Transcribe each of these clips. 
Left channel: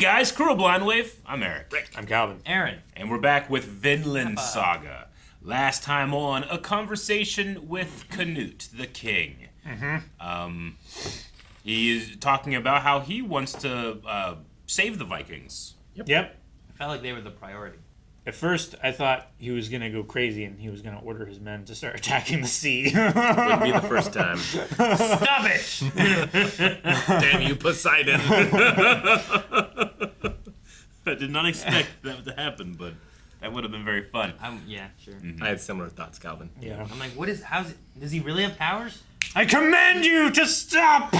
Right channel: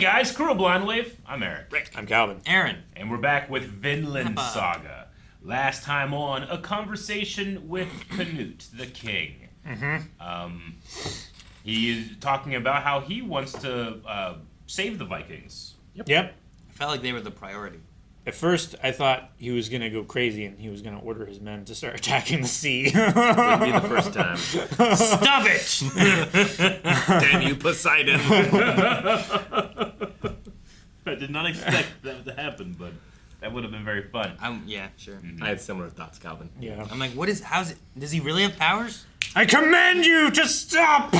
guys, Crew Blind Wave. I'm Eric. Rick. I'm Calvin. Aaron. And we're back with Vinland Saga. Last time on, a conversation with Canute, the king. He's talking about how he wants to save the Vikings. Yep. I felt like they were the priority. At first, I thought he was going to go crazy and he was going to order his men to start attacking the sea. Wouldn't be the first time. Stop it! Damn you, Poseidon. I did not expect that to happen, but that would have been very fun. Yeah, sure. I had similar thoughts, Calvin. Yeah. I'm like, does he really have powers? I command you to stop!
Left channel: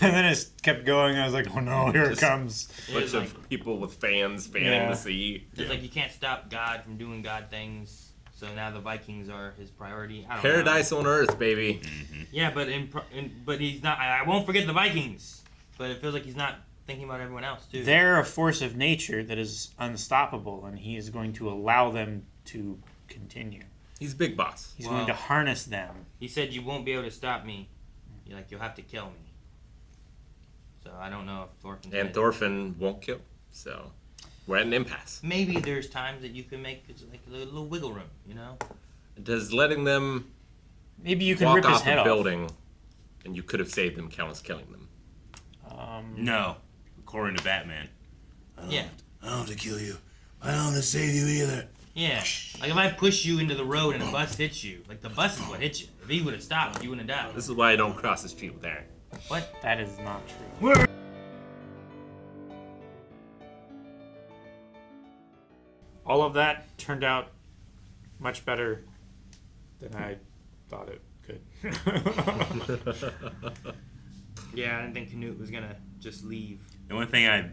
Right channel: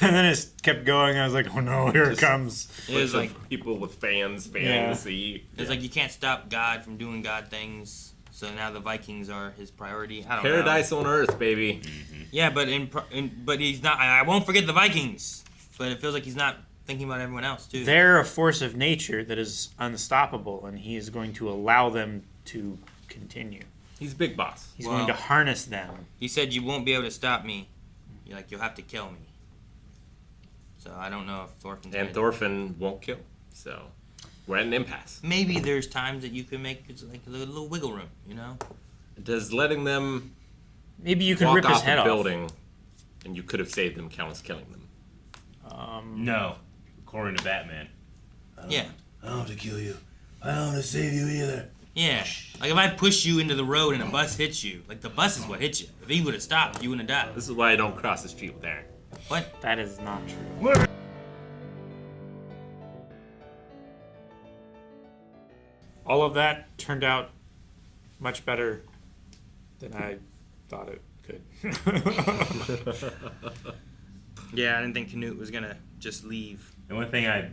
And then it kept going. I was like, oh no, here it comes. Bunch of people with fans fanning the sea. It's like you can't stop God from doing God things. So now the Vikings are his priority. I don't Paradise know. on Earth, baby. Yeah, but but he's not. I won't forget the Vikings. But it feels like he's not thinking about everyone else too. They're a force of nature that is unstoppable, and he is going to allow them to continue. He's big boss. He's going to harness them. He said you won't be able to stop me. You'll have to kill me. So I don't know if Thorfinn. And Thorfinn won't kill. So we're at an impasse. Maybe there's times that you can make like a little wiggle room, Does letting them Maybe you can walk rip his off head a building and you could have saved them count as killing them? No, according to Batman. Yeah. I don't want to kill you. I don't want to save you either. Yeah. Like if I push you into the road and a bus hits you, like the bus is what hit you. If he would have stopped, you wouldn't have died. This is why I don't cross the street with Aaron. What? That is not true. All of that turned out much better than I thought it could. Yeah, I didn't think Canute was gonna just leave. The only thing I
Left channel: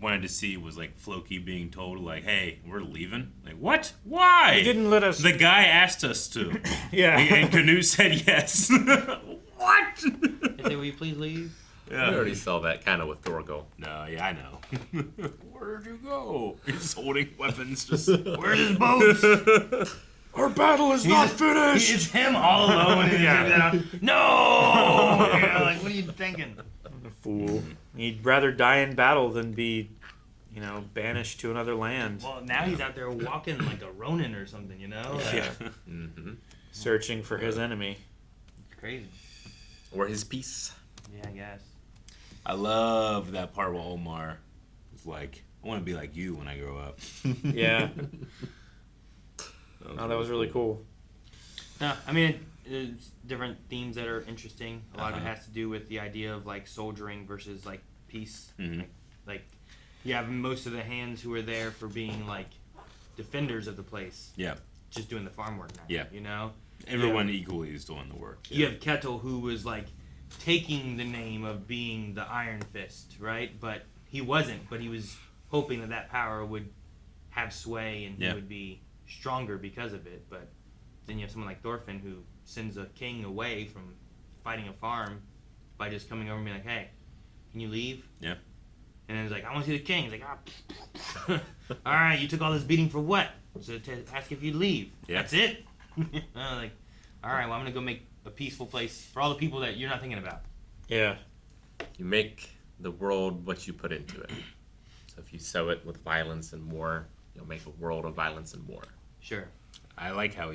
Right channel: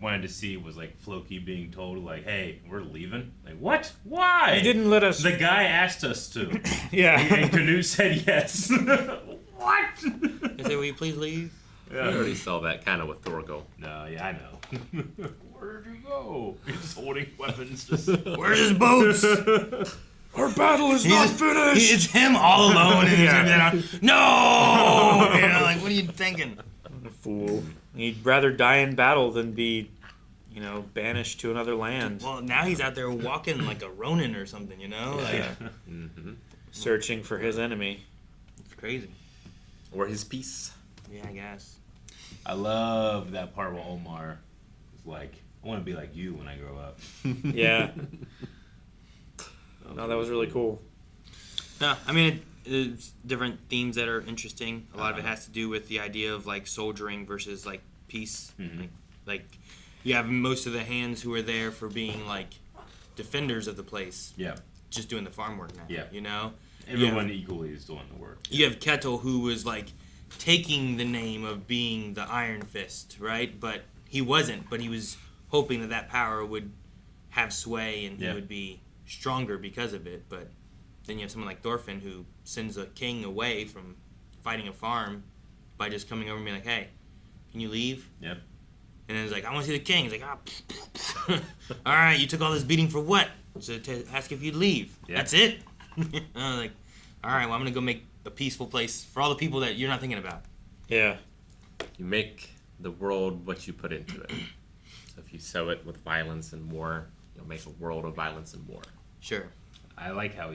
wanted to see was like Floki being told, like, "Hey, we're leaving." Like, what? Why? He didn't let us. The guy asked us to. Yeah. And Canute said yes. What? I said, will you please leave? We already saw that kind of with Thorgal. No, yeah, I know. Where'd you go? He's holding weapons. Just Where's his boats? Our battle is not finished. It's him all alone. And no! Like, what are you thinking? A fool. He'd rather die in battle than be, banished to another land. Well, now he's out there walking like a Ronin or something, Like, Searching for his enemy. It's crazy. Or his peace. Yeah, I guess. I love that part where Omar was like, "I want to be like you when I grow up." Yeah. No, that was really cool. I mean, it's different themes that are interesting. A lot of it has to do with the idea of like soldiering versus like peace. Like you have most of the hands who are there for being like defenders of the place. Yeah. Just doing the farm work now. Yeah. Everyone equally is doing the work. You have Ketil, who was like taking the name of being the Iron Fist, right? But he wasn't. But he was hoping that power would have sway and he would be stronger because of it. But then you have someone like Thorfinn who sends a king away from fighting a farm by just coming over and being like, "Hey, can you leave?" Yeah. And then he's like, "I want to see the king." He's like, all right, you took all this beating for what? So to ask if you'd leave. Yeah. That's it? I was like, all right, well, I'm going to go make a peaceful place for all the people that you're not thinking about. Yeah. You make the world what you put into it. So if you sow it with violence and war, you'll make a world of violence and war. Sure. I like how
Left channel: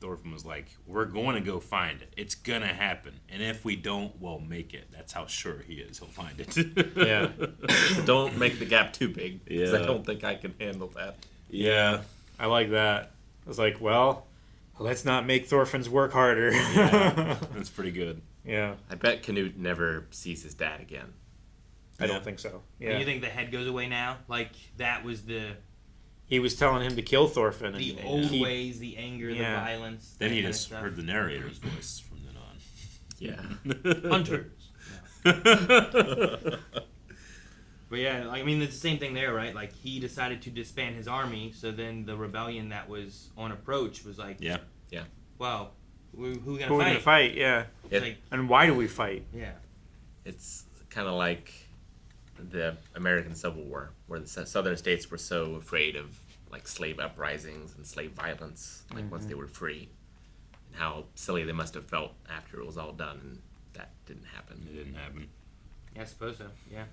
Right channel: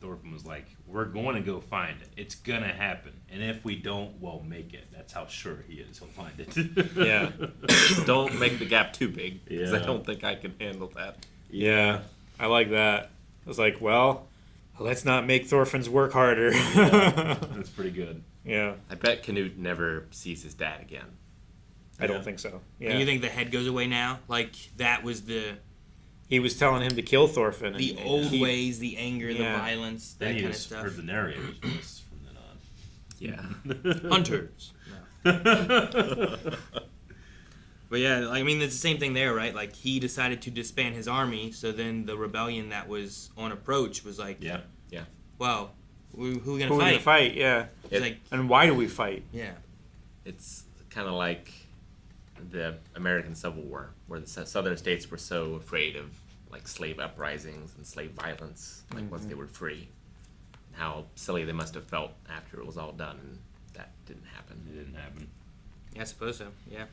Thorfinn was like, "We're going to go find it. It's going to happen. And if we don't, we'll make it." That's how sure he is. He'll find it. Yeah. Don't make the gap too big, because I Yeah. don't think I can handle that. Yeah. I like that. I was like, well, let's not make Thorfinn's work harder. That's pretty good. Yeah. I bet Canute never sees his dad again. I don't think so. Yeah. And you think the head goes away now? Like, that was He was telling him to kill Thorfinn. the and old keep- ways, the anger, the violence, Then that he kind of just stuff. heard the narrator's voice from then on. Yeah. Hunters. But yeah, I mean, it's the same thing there, right? Like, he decided to disband his army, so then the rebellion that was on approach was like, Yeah. well, who are we Who are we going going to to fight? Yeah. It's like, And why do we fight? yeah. It's kind of like the American Civil War, where the southern states were so afraid of like slave uprisings and slave violence, like once they were free, and how silly they must have felt after it was all done, and that didn't happen. It didn't happen. Yeah, I suppose so. Yeah.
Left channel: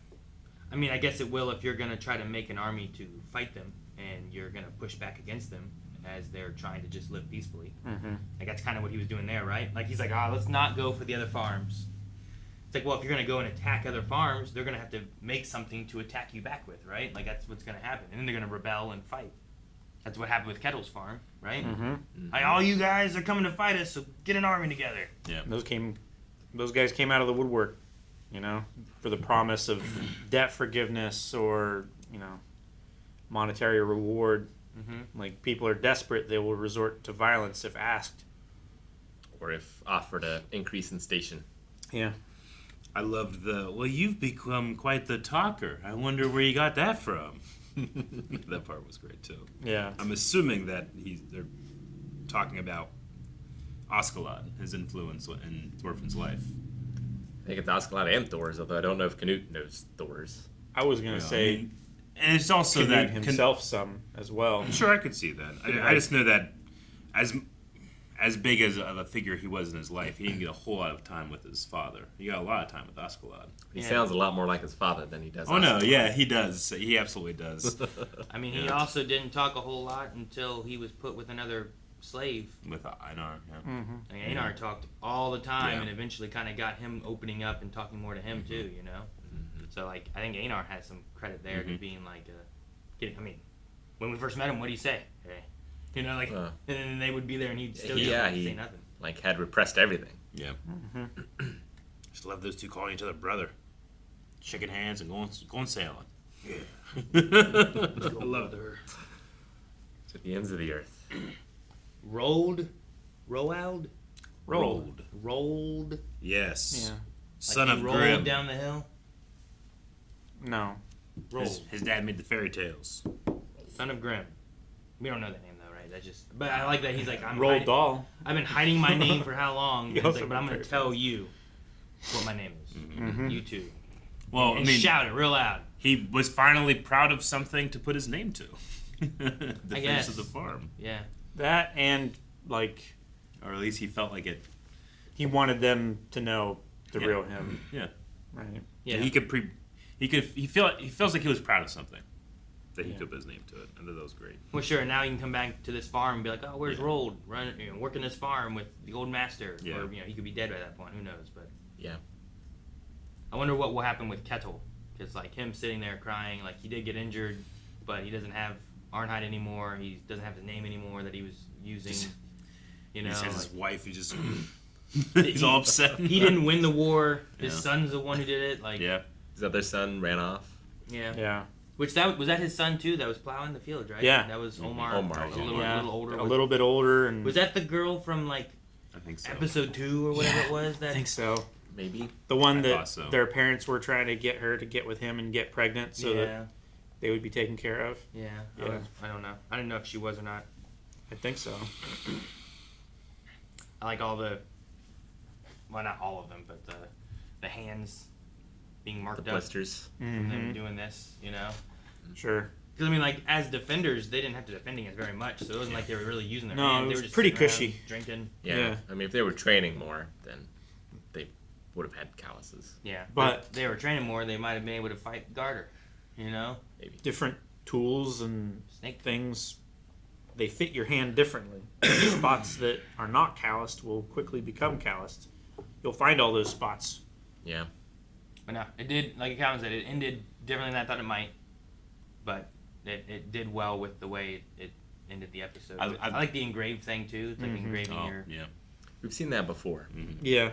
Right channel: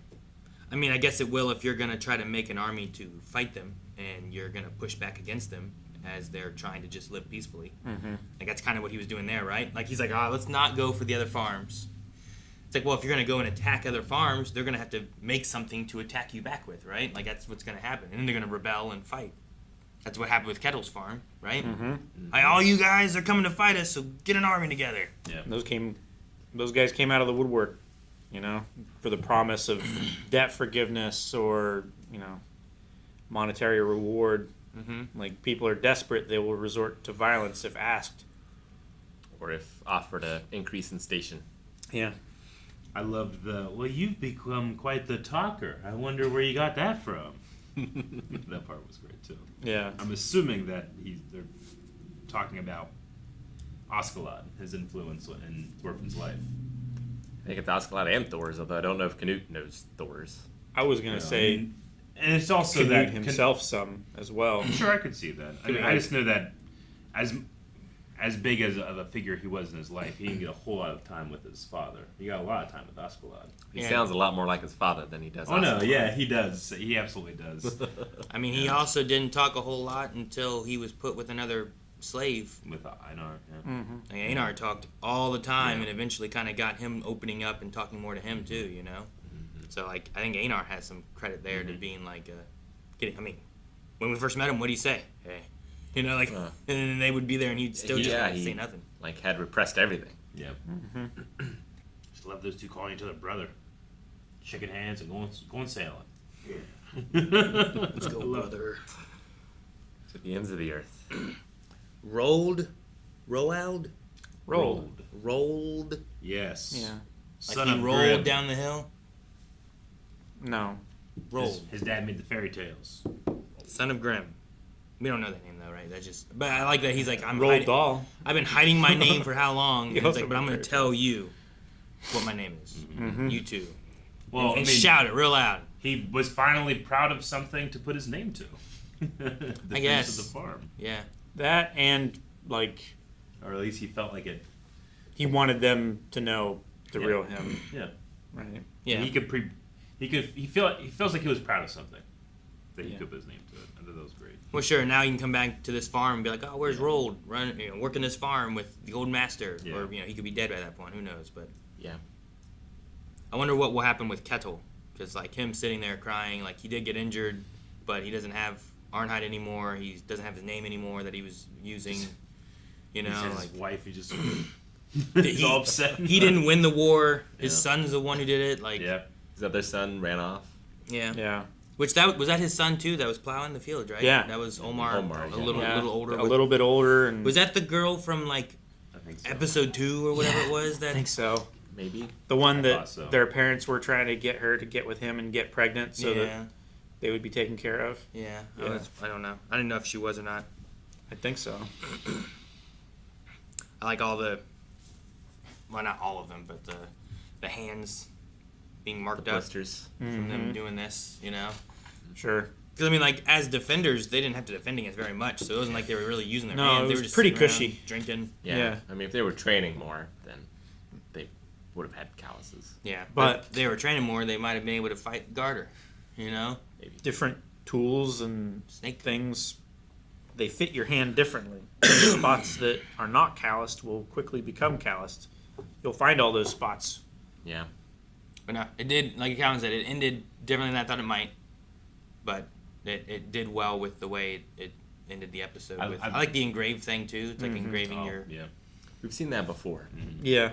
I mean, I guess it will if you're gonna try to make an army to fight them, and you're gonna push back against them as they're trying to just live peacefully. Mm-hmm. Like that's kind of what he was doing there, right? Like he's like, let's not go for the other farms. It's like, well, if you're gonna go and attack other farms, they're gonna have to make something to attack you back with, right? Like that's what's gonna happen, and then they're gonna rebel and fight. That's what happened with Ketil's farm, right? Mm-hmm. Like all you guys are coming to fight us, so get an army together. Yeah. Those guys came out of the woodwork, for the promise of debt forgiveness or monetary reward. Mm-hmm. Like people are desperate, they will resort to violence if asked. Or if offered an increase in station. Yeah. I loved well, you've become quite the talker. I wonder where you got that from. That part was great, too. Yeah. I'm assuming that they're talking about Askeladd, his influence in Thorfinn's life. I think it's Askeladd and Thor's, although I don't know if Canute knows Thor's. I was gonna say and it's also Canute that himself some as well. Sure, I could see that. I just know that as big of a figure he was in his life, he didn't get a whole lot of time with his father. He got a lot of time with Askeladd. He sounds a lot more like his father than he does Oh, no, Askeladd. yeah, he does. He absolutely does. I mean, he also didn't talk a whole lot until he was put with another slave. With Einar, yeah. Mm-hmm. Like, Einar talked all the time, Yeah. and eventually kind of got him opening up and talking more to him too. So like, I think Einar has some credit there to being like, I mean, when we first met him, what did he say? Hey. And then they would be there, and he'd still just say nothing. Like had repressed everything. Yeah. Mm-hmm. Just love those two calling each other brother. Shaking hands and going sailing. Yeah. Let's go, brother. To the ends of the earth. Roald. Yes. Yeah. Son like of he rolled Grimm. down the hill. No. Roald. His dad made the fairy tales. Son of Grimm. We don't know that name though, right? That's just. But I like that he's like, I'm Roald hiding. Dahl. I've been hiding my name for how long? He And he's also like, but I'm going made to tell you what my name is. Mm-hmm. You two. Well, And shout it real loud. he was finally proud of something to put his name to. The I face guess. of the farm. Yeah. That and like Or at least he felt like it. he wanted them to know the Yeah. real him. Yeah. Right. Yeah. He feels like he was proud of something that he could put his name to it. I thought that was great. Well, sure. Now he can come back to this farm and be like, "Oh, where's Roald? Working this farm with the old master." Yeah. Or he could be dead by that point. Who knows? But Yeah. I wonder what will happen with Ketil, because like him sitting there crying, like he did get injured, but he doesn't have Arnheid anymore. He doesn't have his name anymore that he was using. He says like, his wife. He just he's all upset. He didn't win the war. His Yeah. son's the one who did it. Like Yeah. His other son ran off. yeah. Yeah. Which was that his son too? That was plowing the field, right? Yeah. That was Omar. Omar, a yeah. little older. A little bit older and Was that the girl from like I think so. episode 2 or whatever it was? I That think so. Maybe. The one I that thought so. their parents were trying to get her to get with him and get pregnant so that yeah, they would be taken care of. yeah. Yeah. I don't know. I didn't know if she was or not. I think so. I like all well, not all of them, but the hands being The marked up blisters. from them Mhm. doing this, Sure. Because I mean, like as defenders, they didn't have to defend against very much, so it wasn't like they were really using their No, hands. it They was were just pretty sitting around cushy. drinking. Yeah. Yeah. I mean, if they were training more, then they would have had calluses. Yeah, But- if they were training more, they might have been able to fight Garter. Maybe. Different tools and Snake. things, they fit your hand differently. Spots that are not calloused will quickly become calloused. You'll find all those spots. Yeah. But no, it did, like Calvin said, it ended differently than I thought it might. But it did well with the way it ended the episode. I like the engraved thing too. It's like engraving Oh, your yeah. We've seen that before. Yeah.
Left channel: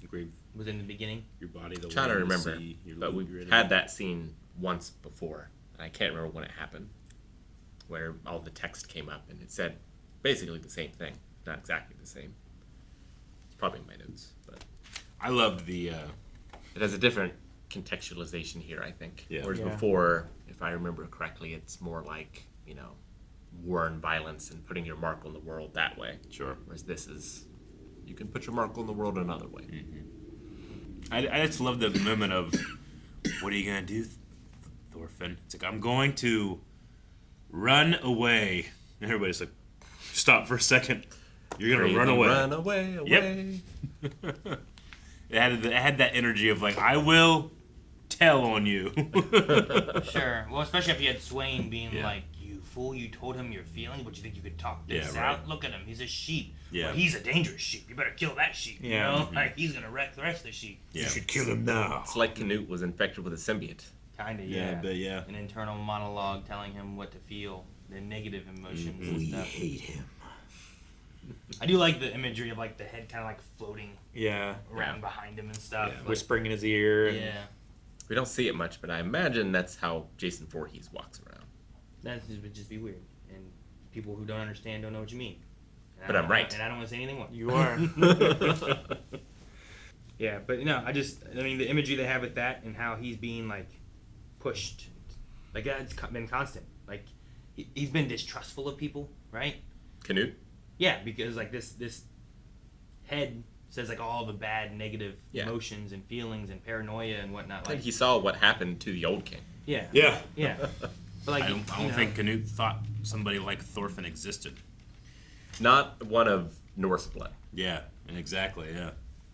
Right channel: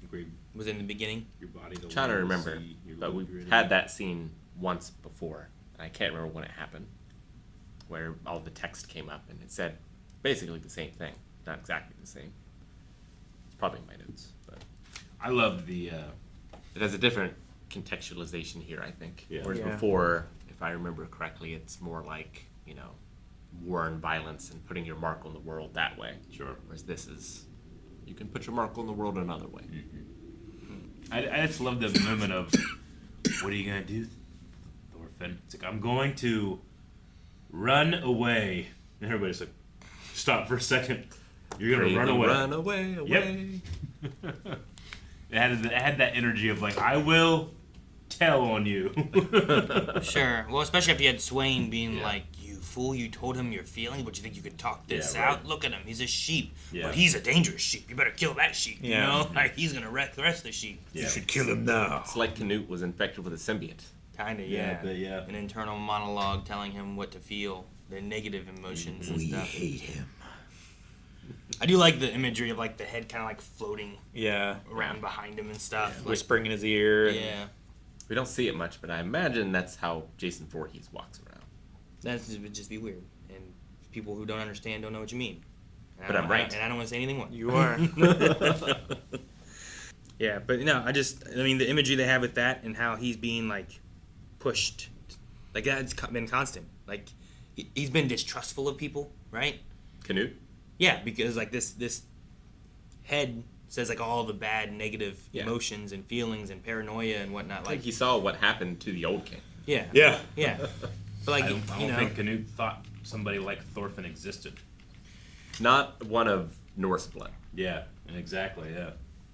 Engrave was in the beginning. your body. The Trying to way you remember, see, your but look, we've your had that scene once before. And I can't remember when it happened, where all the text came up and it said basically the same thing, not exactly the same. It's probably in my notes, but I loved the. it has a different contextualization here, I think. Yeah. Whereas Yeah. before, if I remember correctly, it's more like war and violence and putting your mark on the world that way. Sure. Whereas this is, you can put your mark on the world another way. I just love the moment of, what are you gonna do, Thorfinn? It's like, I'm going to run away. And everybody's like, stop for a second. You're gonna run Bravely away. Run away, away. It had that energy of like, I will tell on you. Sure. Well, especially if you had Sweyn being Yeah. like, "You fool! You told him your feelings, but you think you could talk this Yeah, right. out? Look at him. He's a sheep. Yeah. But he's a dangerous sheep. You better kill that sheep. You Yeah. know, like he's gonna wreck the rest of the sheep. Yeah. You should kill him now. It's like Canute was infected with a symbiote. Kind of. Yeah, Yeah. but yeah. An internal monologue telling him what to feel, the negative emotions and We stuff. hate him. I do like the imagery of like the head kind of like floating Yeah. around Yeah. behind him and stuff. Yeah. Like, Whispering in his ear. and- yeah. We don't see it much, but I imagine that's how Jason Voorhees walks around. That would just be weird. And people who don't understand don't know what you mean. And But I I'm don't- right. And I don't want to say anything more. You are. Yeah, but no, I mean, the imagery they have with that and how he's being, like, pushed, like, that's been constant. Like, he's been distrustful of people, right? Canute? Yeah, because, like, this head says, like, all the bad, negative Yeah. emotions and feelings and paranoia and whatnot. I Like, think he saw what happened to the old king. yeah. Yeah. Yeah. But, like, I don't you know, think Canute thought somebody like Thorfinn existed. Not one of Norse blood. Yeah, exactly, yeah.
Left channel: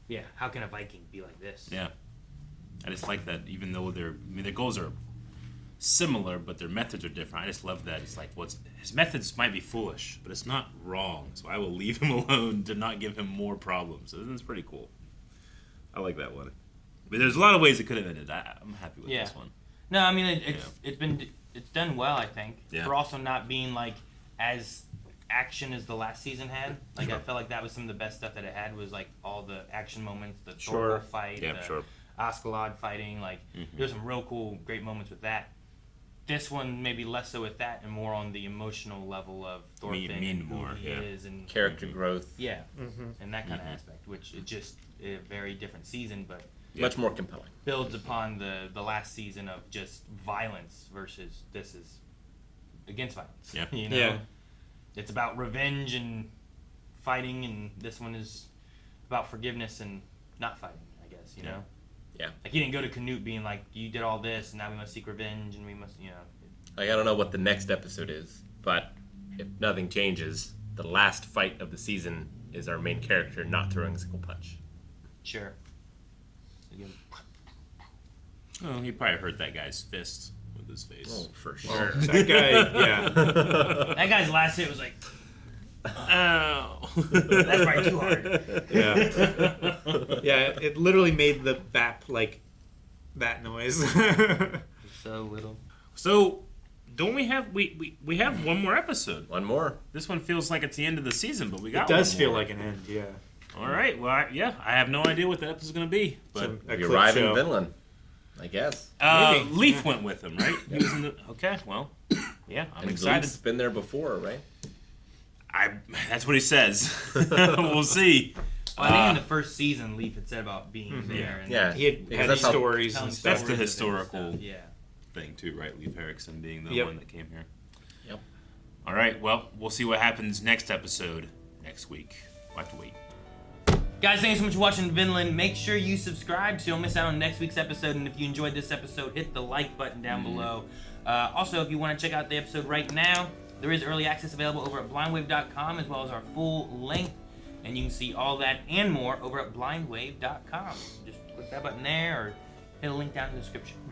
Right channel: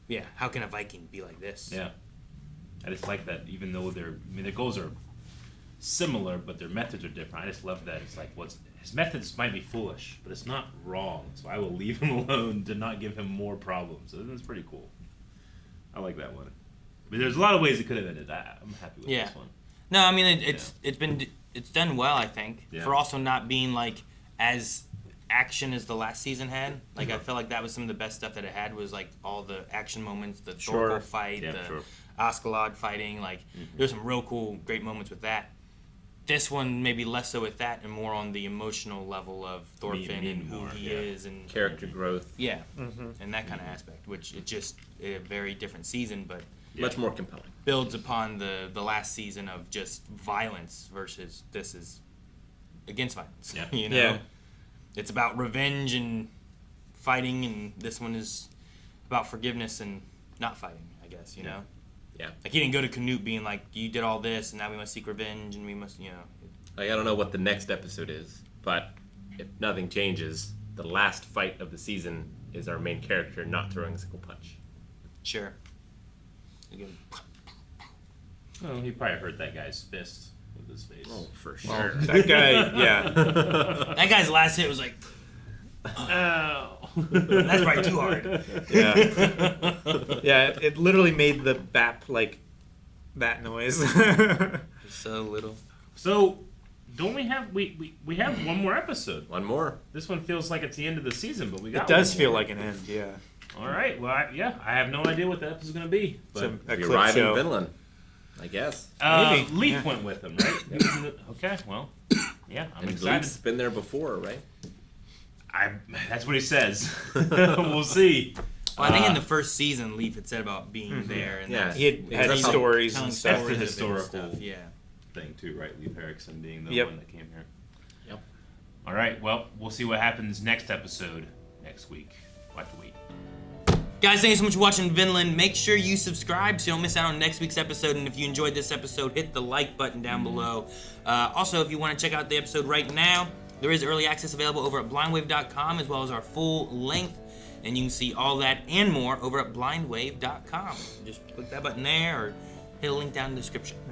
yeah, how can a Viking be like this? Yeah. I just like that, even though their goals are similar, but their methods are different. I just love that. It's like, his methods might be foolish, but it's not wrong. So I will leave him alone to not give him more problems. So that's pretty cool. I like that one. But there's a lot of ways it could have ended. I'm happy with Yeah. this one. No, I mean it's done well. I think Yeah. for also not being like as action as the last season had. Like I felt like that was some of the best stuff that it had was like all the action moments, the Sure. Thorkel fight, Yeah, the sure. Askalog fighting. Like there was some real cool, great moments with that. This one maybe less so with that and more on the emotional level of Thorfinn Me and who more, he yeah. is and Character growth. yeah, and that kind of aspect, which is just a very different season, but Much more compelling. builds upon the last season of just violence versus this is against violence. Yeah. You know? Yeah. It's about revenge and fighting, and this one is about forgiveness and not fighting, I guess, you know? Yeah. Like, he didn't go to Canute being like, you did all this, and now we must seek revenge, and we must, you know. Like, I don't know what the next episode is, but if nothing changes, the last fight of the season is our main character not throwing a single punch. Sure. You go, Well, he probably hurt that guy's fist with his face. Oh, for sure. That guy, yeah. that guy's last hit was like, Ow! that's probably too hard. Yeah. Yeah, it literally made the bap like that noise. So little. So, don't we have we have one more episode? One more. This one feels like it's the end of the season, but we got. It does one feel more. like an end, yeah. All right. Well, I have no idea what the episode's going to be, but Some- a We clip arrive show. in Vinland, I guess. Maybe, Leaf yeah. went with him, right? He was in the- okay. Well, yeah, I'm And excited. Leaf's been there before, right? That's what he says. We'll see. Well, I think in the first season, Leaf had said about being there. And Yeah. He had, Because had that's how- stories telling and That's stuff. the stories of it and historical- stuff, Yeah. Thing too, right? Leif Erikson being the Yep. one that came here. Yep. All right. Well, we'll see what happens next episode next week. We'll have to wait. Guys, thank you so much for watching Vinland. Make sure you subscribe so you don't miss out on next week's episode. And if you enjoyed this episode, hit the like button down below. Also, if you want to check out the episode right now, there is early access available over at blindwave.com as well as our full length. And you can see all that and more over at blindwave.com. Just click that button there or hit a link down in the description.